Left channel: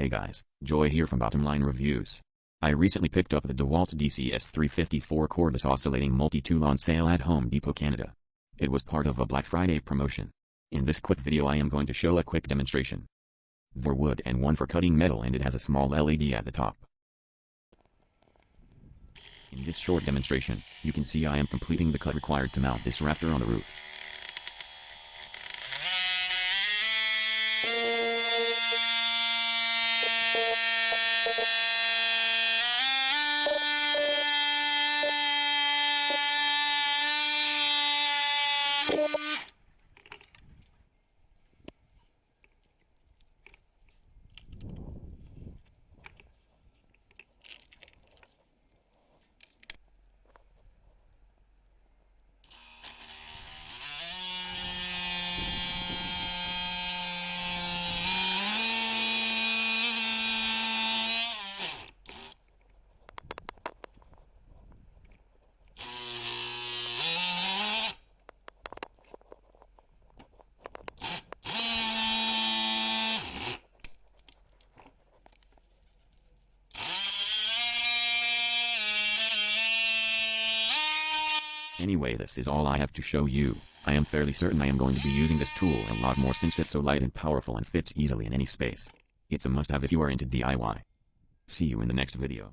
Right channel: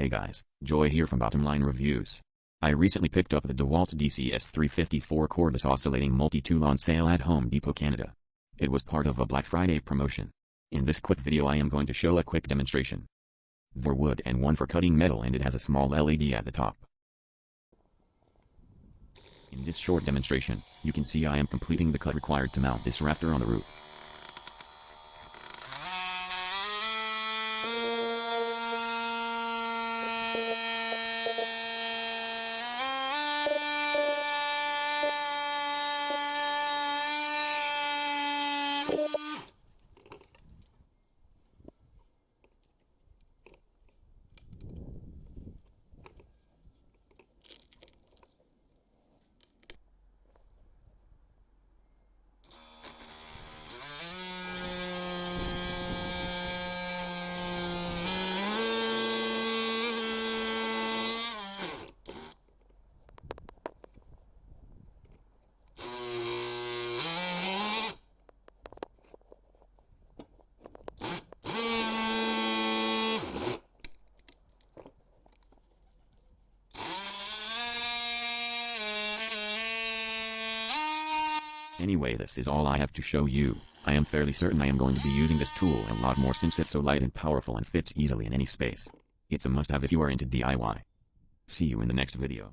Hey guys, Joy here from Bottom Line Reviews. I recently picked up the Dewalt DCS354 cordless oscillating multi-tool on sale at Home Depot, Canada. It was part of a Black Friday promotion. In this quick video I am going to show a quick demonstration. For wood and one for cutting metal, and it has a small LED at the top. In this short demonstration, you can see I am completing the cut required to mount this rafter on the roof. Anyway, this is all I have to show you. I am fairly certain I am going to be using this tool a lot more since it's so light and powerful and fits easily in any space. It's a must-have if you are into DIY. See you in the next video.